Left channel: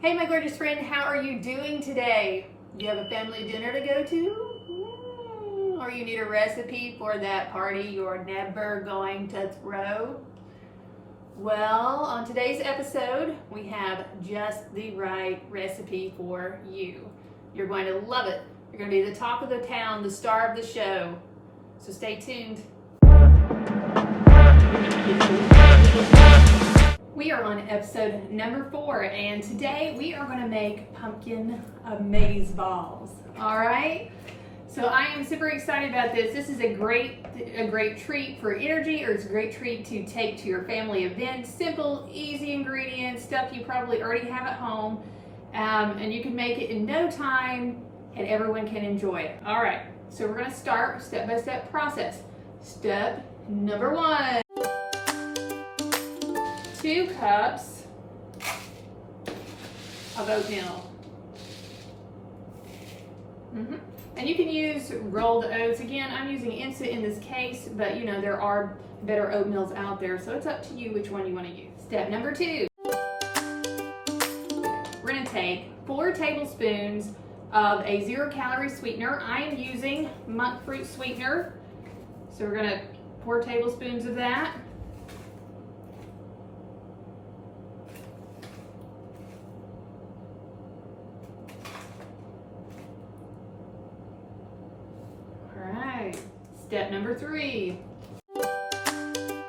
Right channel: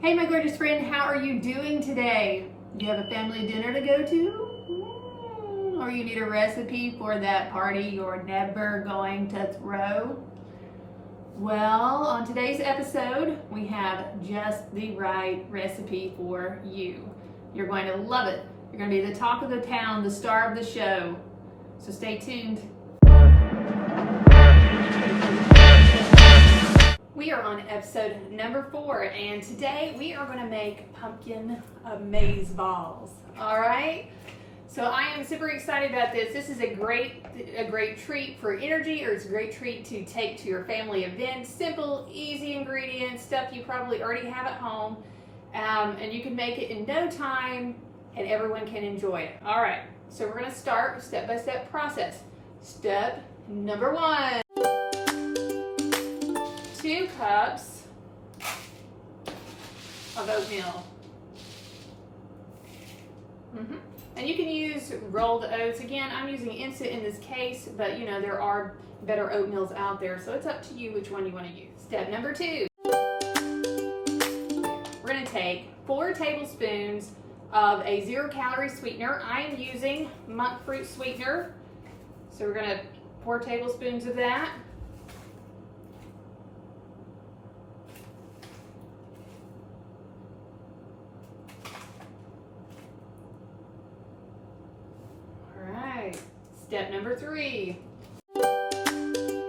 Hey my gorgeous friend, how are you doing today? Do you have a family dinner to go to? Or you need a recipe for that party you're never going to throw? Well, on today's episode, we have just the right recipe for you. You're going to love it. You're going to be the talk of the town, the star of the show. So stay tuned. We are on episode number 4, and today we are going to make pumpkin amaze balls. All right. So I am super excited about this. This is a great treat for energy, or it's a great treat to take to your family event. Simple, easy ingredients, stuff you probably already have at home, and you can make it in no time, and everyone can enjoy it. All right. So we're going to start step-by-step process. Step number 1. 2 cups of oatmeal. And you can use rolled oats. Again, I'm using instant in this case, but you know, there are better oatmeals out there, so it's up to you which one you want to use. Step number 2. We're going to take 4 tablespoons of a 0-calorie sweetener. I am using monk fruit sweetener, so we're going to 4 tablespoons of that. Step number 3. I'm going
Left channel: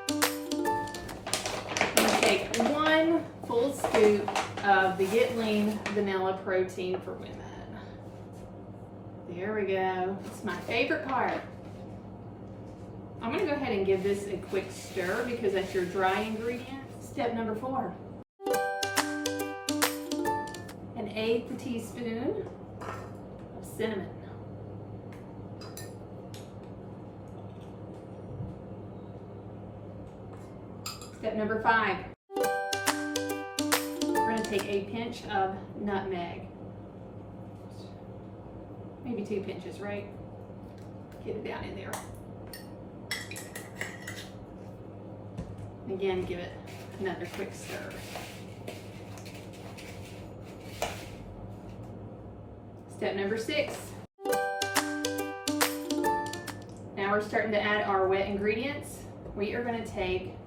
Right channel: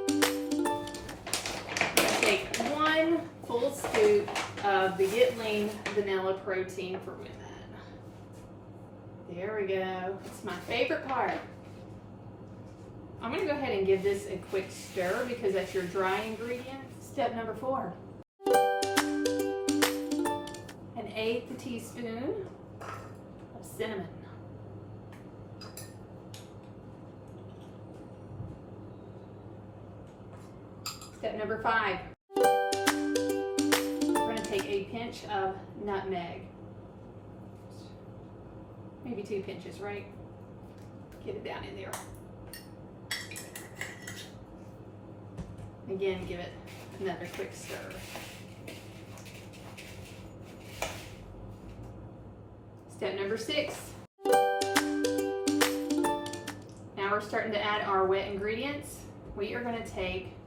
to take 1 full scoop of the Get Lean vanilla protein for women. There we go. That's my favorite part. I'm going to go ahead and give this a quick stir because that's your dry ingredient. Step number 4. 1/8 teaspoon of cinnamon. Step number 5, we're going to take a pinch of nutmeg. Maybe 2 pinches, right? Get it down in there. Again, give it another quick stir. Step number 6. Now we're starting to add our wet ingredients. We are going to take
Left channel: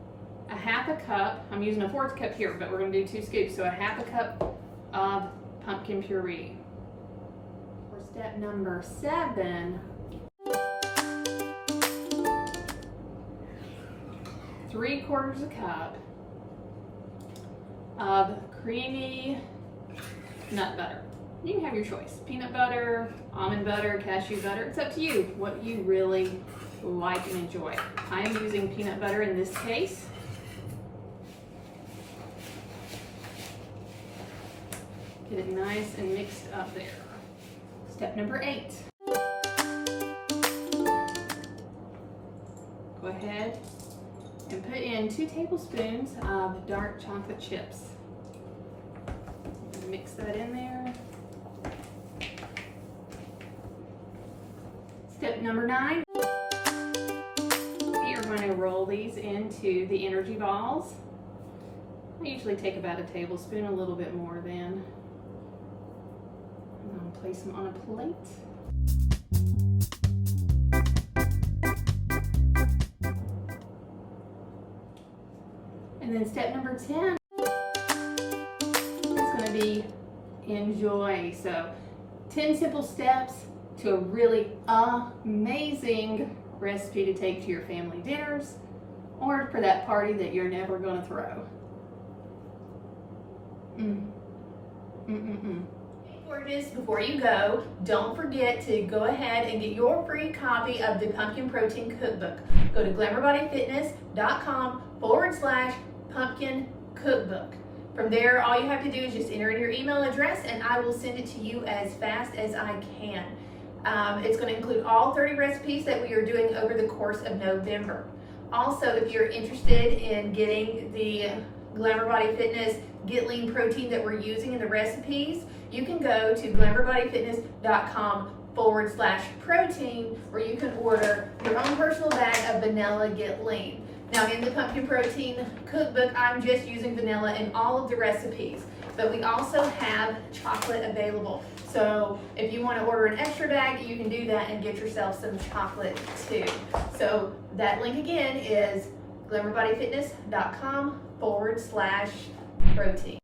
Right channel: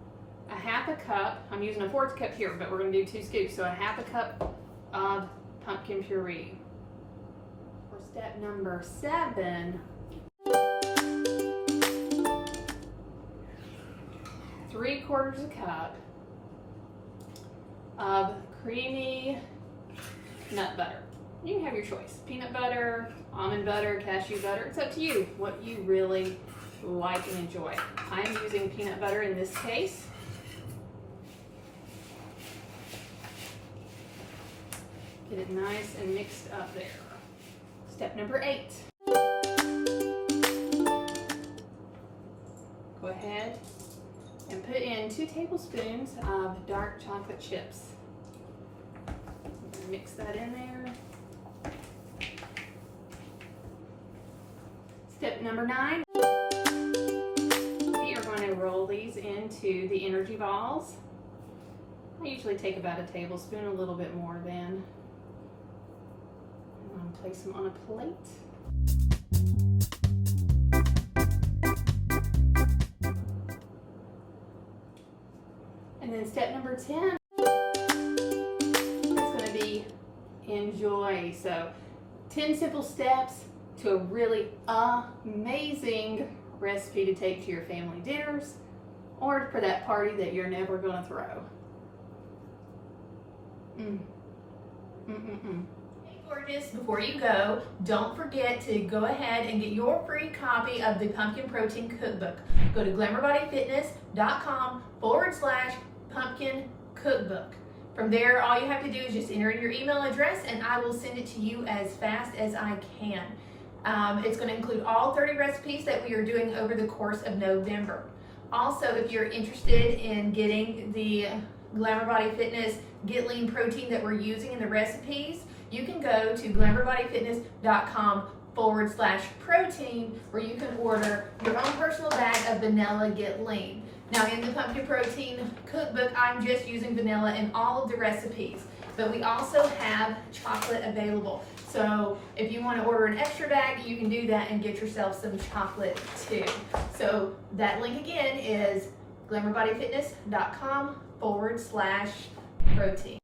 a 1/2 cup, I'm using a 1/4 cup here, but we're going to do 2 scoops, so a 1/2 cup of pumpkin puree. For step number 7, 3/4 cup of creamy nut butter. You can have your choice, peanut butter, almond butter, cashew butter, it's up to you what you really like and enjoy. I am using peanut butter in this case. Get it nice and mixed up there. Step number 8. Go ahead and put in 2 tablespoons of dark chocolate chips. Mix that in there. Step number 9. We are going to roll these into the energy balls. I usually take about a tablespoon, a little bit more than. Place them on a plate. And then step number 10 is going to be enjoy. So 10 simple steps to a really amazing recipe to take to your family dinners or for that party that you're never going to throw. Gorgeous, before you go, don't forget to go ahead and get your free copy of the Pumpkin Protein Cookbook. Go to glamourbodyfitness.com/pumpkin cookbook. From there, all you have to do is just enter in your email address and I will send it to you as fast as I can. It's going to include all 30 recipes that we are doing over the course of November. Also, if you're interested in getting the Glamour Body Fitness Get Lean protein that we're using in the recipes, you can go to glamourbodyfitness.com/protein where you can order your own personal bag of vanilla Get Lean. Now in the Pumpkin Protein Cookbook, I'm just using vanilla in all of the recipes. but we also have chocolate available. So if you want to order an extra bag, you can do that and get yourself some chocolate too. So that link again is glamourbodyfitness.com/protein.